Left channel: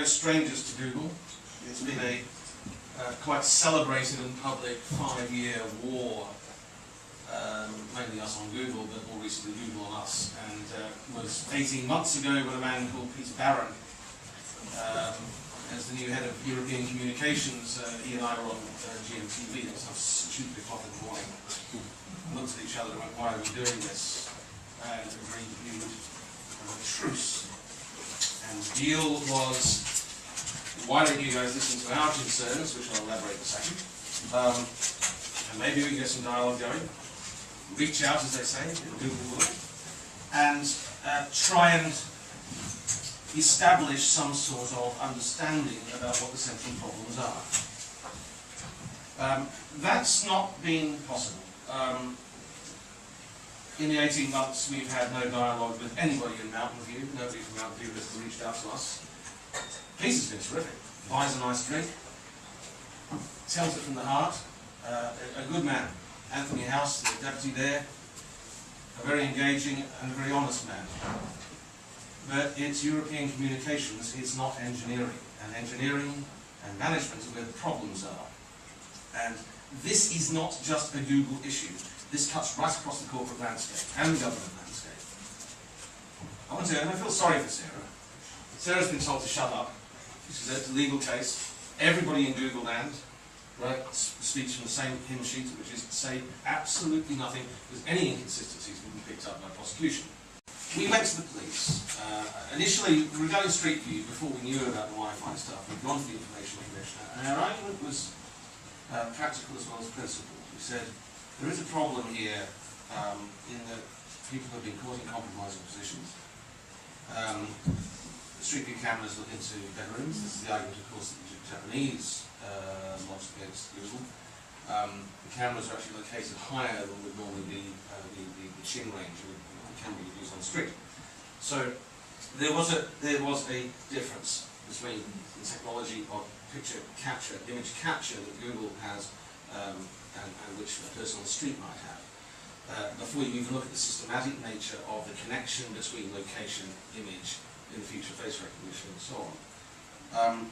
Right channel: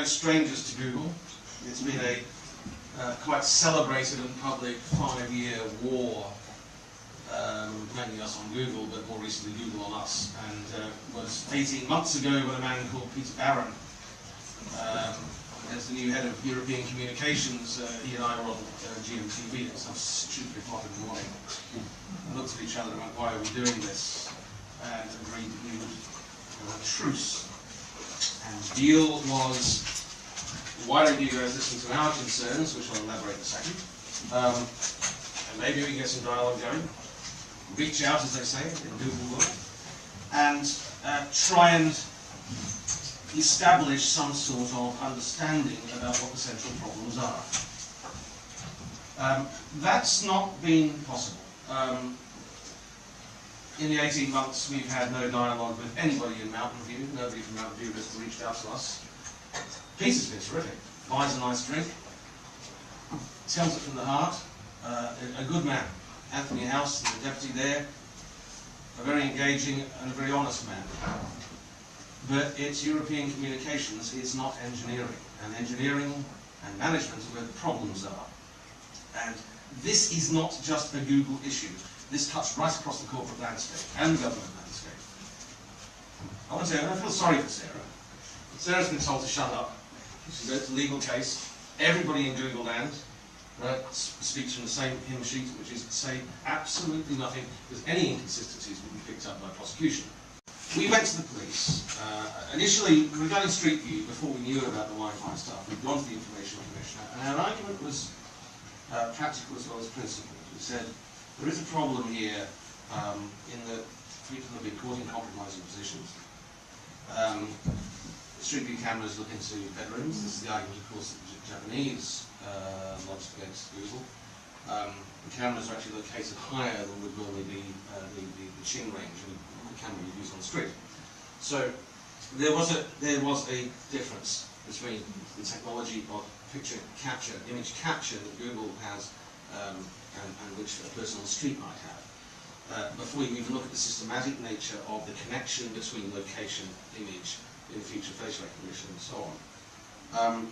no strangers to Google. It's been a quite celebrated and public 5-year war, mainly us on Google, but more recently Google on us. And was 18 months ago when a man called Peter Barron, as the new head of European communications, he and I were on GMTV at some stupid o'clock in the morning, and looked at each other and went, why are we doing this? And agreed we would have a truce. And the deal was, why don't you guys listen to our concerns, which I'll elaborate in a second. Maybe we can get some dialogue going. Reach out, as they say, in Google work, and try and establish some sort of understanding about what the central problems are. That's not been possible. In the 18 months, we've had no dialogue with anybody in Mountain View. Nobody from Mountain View has reached out to us. Peter's been terrific. Buys a nice drink, tells it from the heart. A good man. Anthony House, the deputy there, a very engaging and a very honest man. But it's European communications, it's not engineering. And engineering and management are where the problems are. And this is not just a Google issue. This cuts right across the corporate landscape and the government landscape. I want to say, I feel sorry for Sarah. Sarah's been told to shut up. It's a legal case. Everybody in Google land speaks from the same hymn sheet, which is to say absolutely nothing, because any inconsistencies will be picked up by prosecution. We went to the police. Initially, regarding Street View, before we knew about the Wi-Fi stuff, we'd gone to the Information Commissioner, and our argument was practical as well as principled. We said, there is a problem here in that people have been caught in compromising positions. Street View cameras look into bedrooms. This is the argument, of course, that the Japanese lodged against Google. The cameras are actually located higher than would normally be the chin range of the camera you use on the street. So there was a difference between the technology of picture capture, image capture that Google has, and which a person on the street might have. Before you even look at the systematic nature of the connection between location, image, in future face recognition, and so on.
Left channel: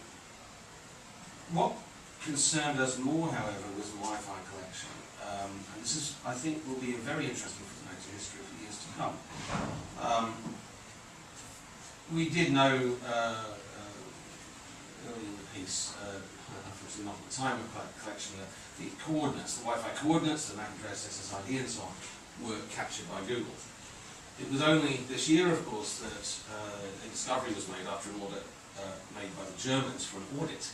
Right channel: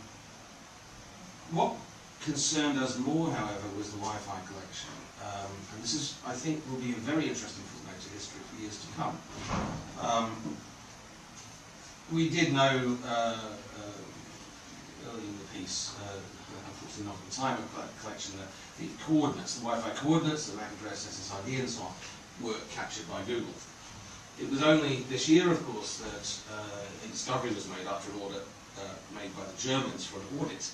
What concerned us more, however, was the Wi-Fi collection. And this is, I think, will be a very interesting footnote to history for years to come. We did know early in the piece, unfortunately not at the time of collection, the coordinates, the Wi-Fi coordinates, the MAC address, SSID, and so on, were captured by Google. It was only this year, of course, that a discovery was made after an audit made by the Germans for an audit,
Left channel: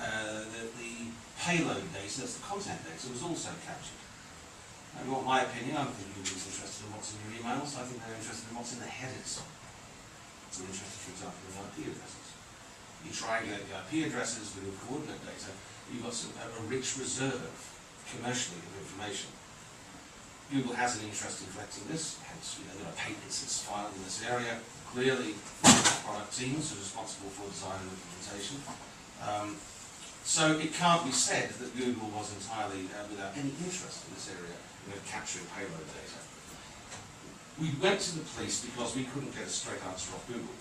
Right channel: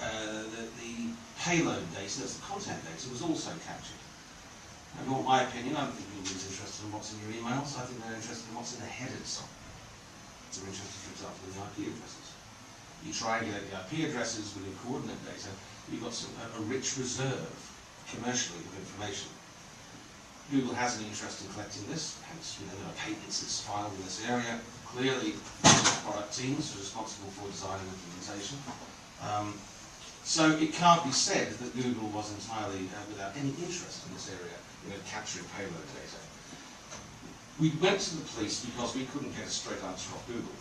that the payload data, that's the content data, was also captured. And in my opinion, I don't think Google's interested in what's in your emails, I think they're interested in what's in the headers. They're interested, for example, in the IP addresses. You triangulate the IP addresses with your coordinate data, you've got a rich reserve, commercially, of information. Google has an interest in collecting this, hence there are patents that's filed in this area. Clearly, product teams are responsible for design and implementation. So it can't be said that Google was entirely without any interest in this area, capturing payload data. We went to the police because we couldn't get a straight answer off Google.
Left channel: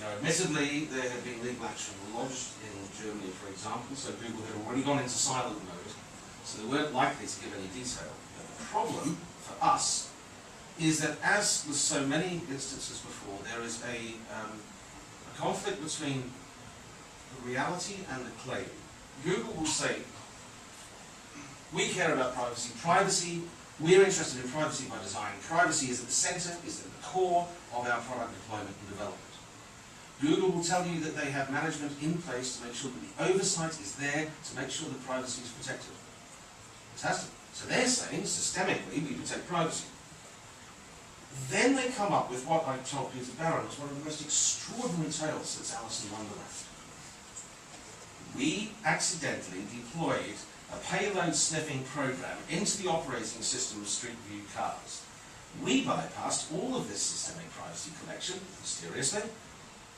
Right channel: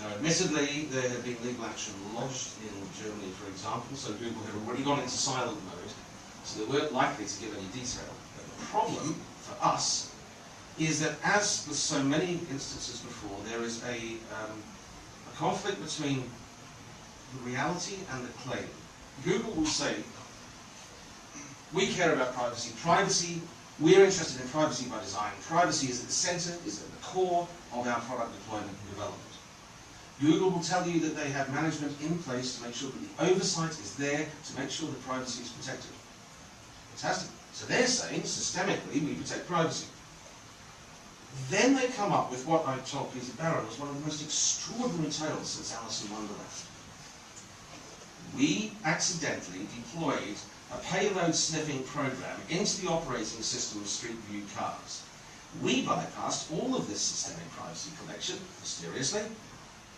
Now, admittedly, there had been legal action lodged in Germany, for example, so Google had already gone into silent mode, so they weren't likely to give any detail. But the problem for us is that, as with so many instances before, there is a conflict between the reality and the claim. Google will say, we care about privacy. Privacy, we are interested in privacy by design. Privacy is at the center, is at the core of our product deployment and development. Google will tell you that they have management in place to make sure that the oversight is there to make sure that privacy is protected. Fantastic. So they're saying, systemically, we protect privacy. Then they come up with what I told Peter Barron was one of the most extraordinary tales since Alice in Wonderland. We accidentally deployed a payload sniffing program into the operating system of Street View cars. We bypassed all of this systemic privacy collection, mysteriously,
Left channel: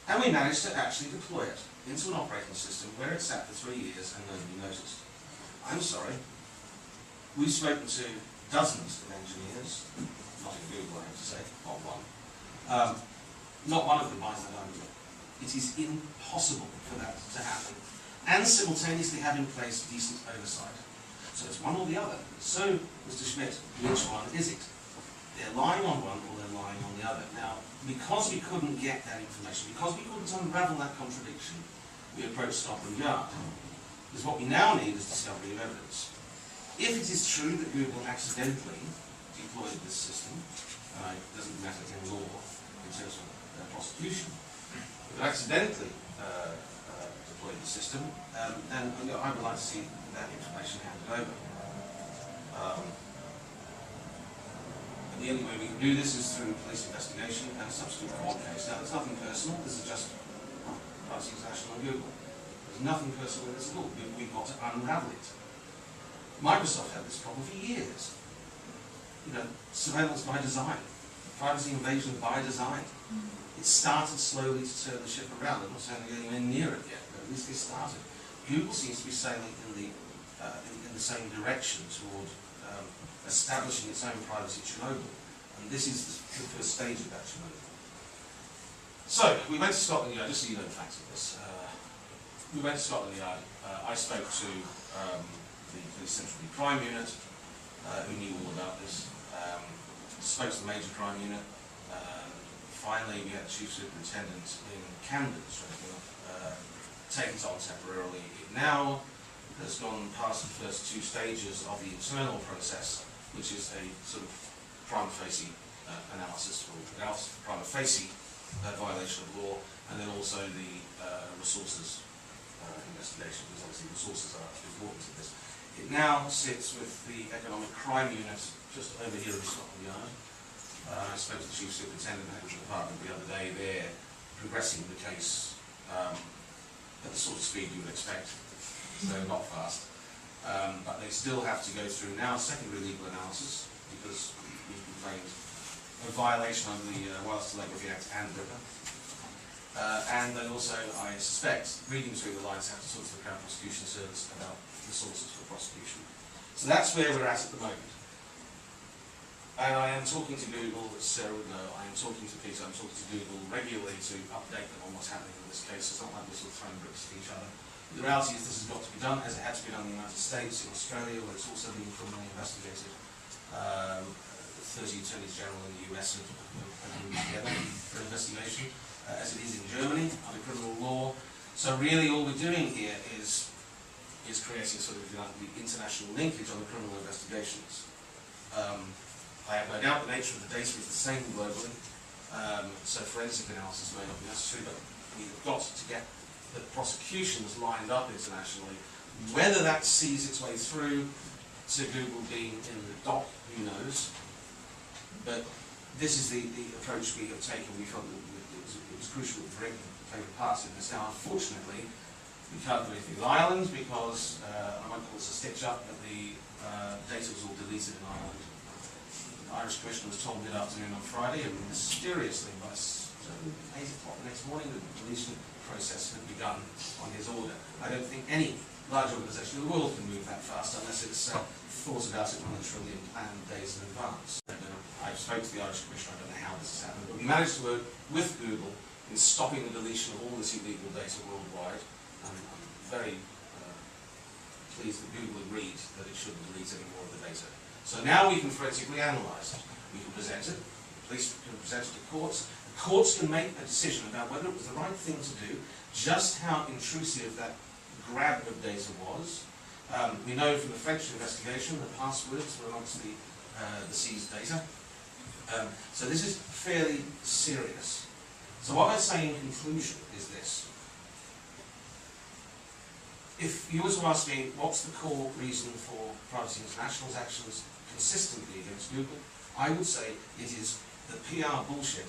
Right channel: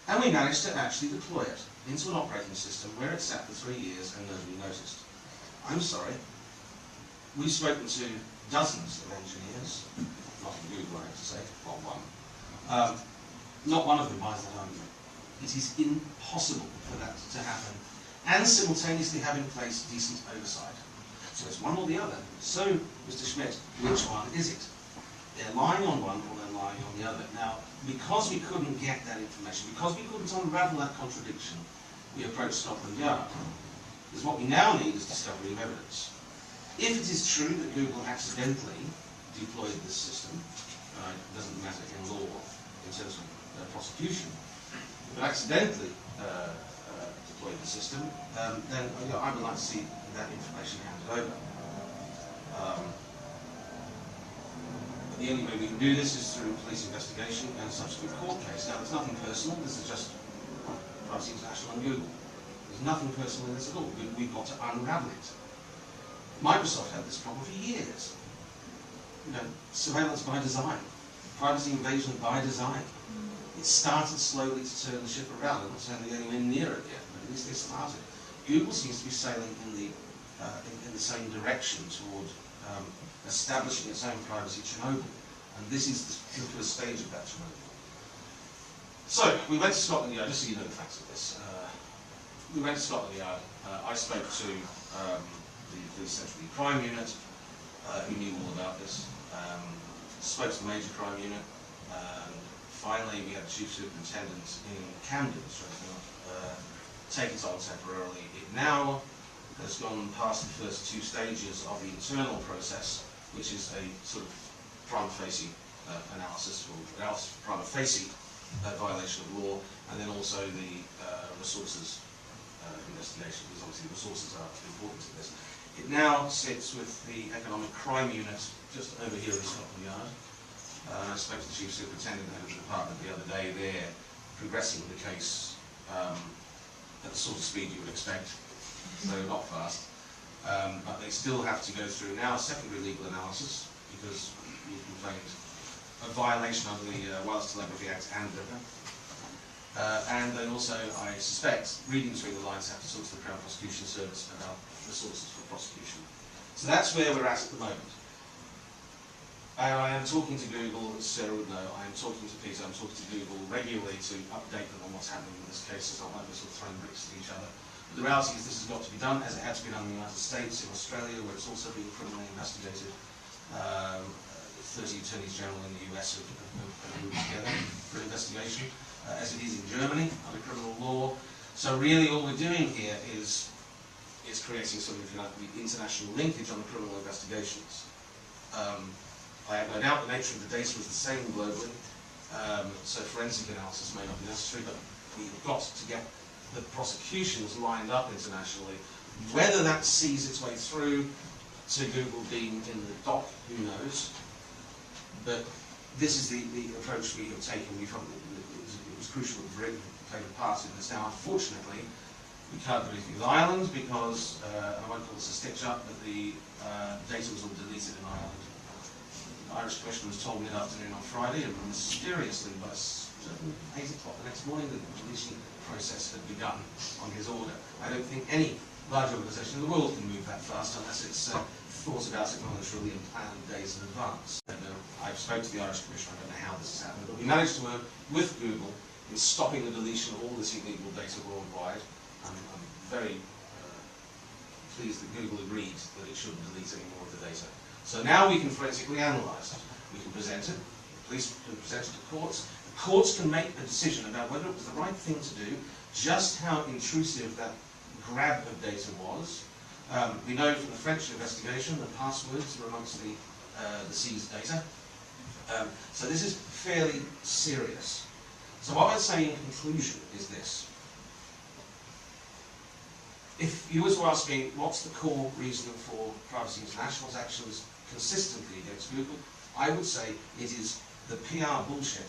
and we managed to actually deploy it into an operating system where it sat for 3 years and nobody noticed. I'm sorry. We've spoken to dozens of engineers, not in Google, I have to say, not one. Not one of them buys that argument. It is impossible for that to happen, and simultaneously have in place decent oversight. So it's one or the other. So, Mr. Schmidt, which one is it? They're lying on one or they're lying on the other. Now, because we couldn't get that information, because we couldn't unravel that contradiction, we approached Scotland Yard. Because what we now need is discovery of evidence. If it is true that Google accidentally deployed this system, it doesn't matter in law in terms of prosecution, if it accidentally deployed the system, then I would like to see that information handed over. The only way we can do this is through a police investigation and a subsequent court case. Now, there's nothing personal. This is just Privacy International on Google. There's nothing personal in this at all. We've got to unravel it. Microsoft had this problem for years. Surveillance by design, privacy invasion by design. It started slowly to turn the ship around. I'm not saying they're getting anywhere near it yet, but at least they started. Google seems to be sailing in the same direction toward establishing its own privacy Chernobyl, and this is the first stage of that Chernobyl. So, we went to Scotland Yard, just so you know the facts of this. We went to Scotland Yard. I spoke to the Police Central Crime Unit, who knew all about this. Spoke to the Major Crime Unit. Finally, we had the Chief Superintendent in Camden, take it on temporarily. It now has gone past the first two stages of the internal process, which is a sort of prima facie analysis for prima facie violation of law, and then also the resources investigation, because obviously resources are important in this. It now sits with the Economic Crime Unit just over here in Scotland Yard. I spoke to the Chief Superintendent of the department the other day. They're progressing the case at the sort of speed you would expect, so not fast. But they still have to go through now secondary legal analysis, because we've complained a violation of the Wireless Telegraphy Act and DRIPA. And they also, I suspect, reading between the lines, have to talk to the Crown Prosecution Service about the sources for prosecution. So that's where we're at the moment. And I am talking to Google, as Sarah would know, I am talking to Peter, I'm talking to Google regularly to update them on what's happening in this case. It's not like we're sort of throwing bricks at each other. But the reality is this has got to be done, as it had to be done in the United States, in Australia, where it's also being criminally investigated. 30 attorneys general in the US have grouped together for investigation, as it is in Germany under criminal law. So really all we're doing here is creating sort of, if you like, the international linkage on the criminal investigations. I have no doubt the nature of the data is the same globally, so forensic analysis may not be necessary, but we've got to get the prosecutions lined up internationally. Whether that sees its way through to Google being in the dock, who knows? But this is the approach we have taken. We felt that it was crucial for it to take a part in this. Now, unfortunately, we can't do anything with Ireland because, I won't call this a stitch-up, but the data was all deleted in Ireland. The Irish Commissioner was told mid-afternoon on Friday, and mysteriously by 8 o'clock the next morning, the deletion process had begun on his order. I don't think any large organisation in the world can move that fast unless it's thought about it monetarily and planned days in advance. I've spoken to the Irish Commissioner, I don't know how this has happened, but we managed to work with Google in stopping the deletion of all this illegal data worldwide. I'm very pleased that Google agreed that it shouldn't delete any more of the data. So now we can forensically analyse it. We can present it, the police can present it to courts. The courts can make a decision about whether it was the right thing to do, just how intrusive that grab of data was. We know from the French investigation that passwords were amongst the seized data. So this is fairly serious. So what I'd say in conclusion is this. If you were to ask me what's the core reason for Privacy International's actions consistently against Google, I would say it is the PR bullshit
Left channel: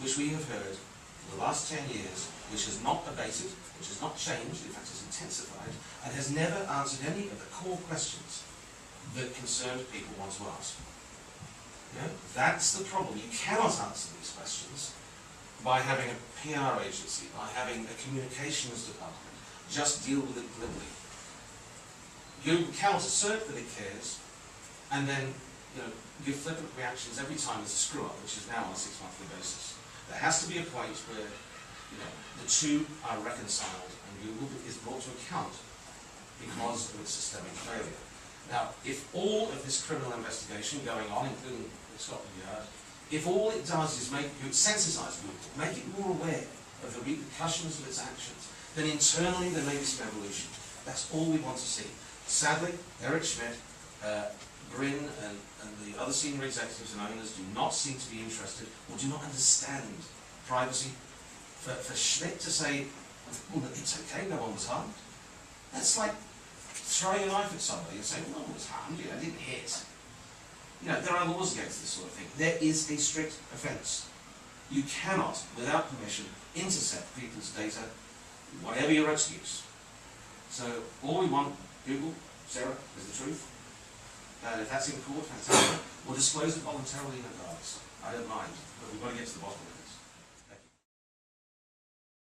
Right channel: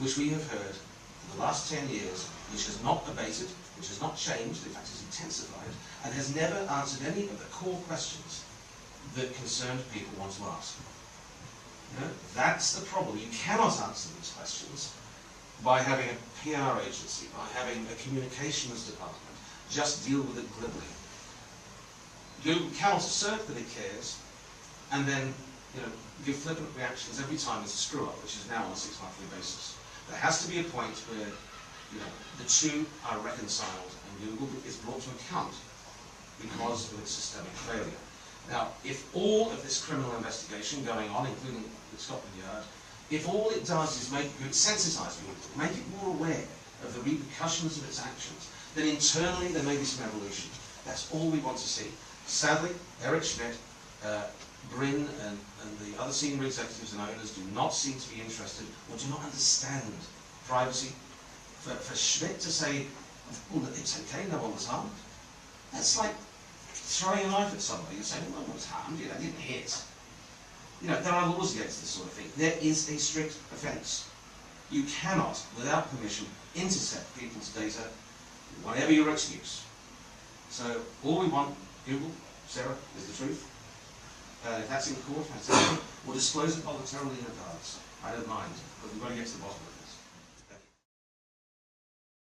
which we have heard for the last 10 years, which has not abated, which has not changed, in fact it's intensified, and has never answered any of the core questions that concerned people want to ask. You know, that's the problem. You cannot answer these questions by having a PR agency, by having a communications department. Just deal with it glibly. Google cannot assert that it cares, and then give flippant reactions every time there's a screw-up, which is now on a 6-monthly basis. There has to be a point where You know, the two are reconciled, and Google is brought to account because of its systemic failure. Now, if all of this criminal investigation going on, including the Scotland Yard, if all it does is make you sensitise Google, make it more aware of the repercussions of its actions, then internally there may be some evolution. That's all we want to see. Sadly, Eric Schmidt, Bryn and the other senior executives and owners do not seem to be interested or do not understand privacy. For Schmidt to say, well, it's okay, no one was harmed, that's like throwing a knife at somebody and saying, well, no one was harmed, I didn't hit. You know, there are laws against this sort of thing. There is a strict offence. You cannot, without permission, intercept people's data, whatever your excuse. So all we want, Google, Sarah, is the truth. And if that's in court, fantastic. We'll disclose it voluntarily in advance. I don't mind, but we've got to get to the bottom.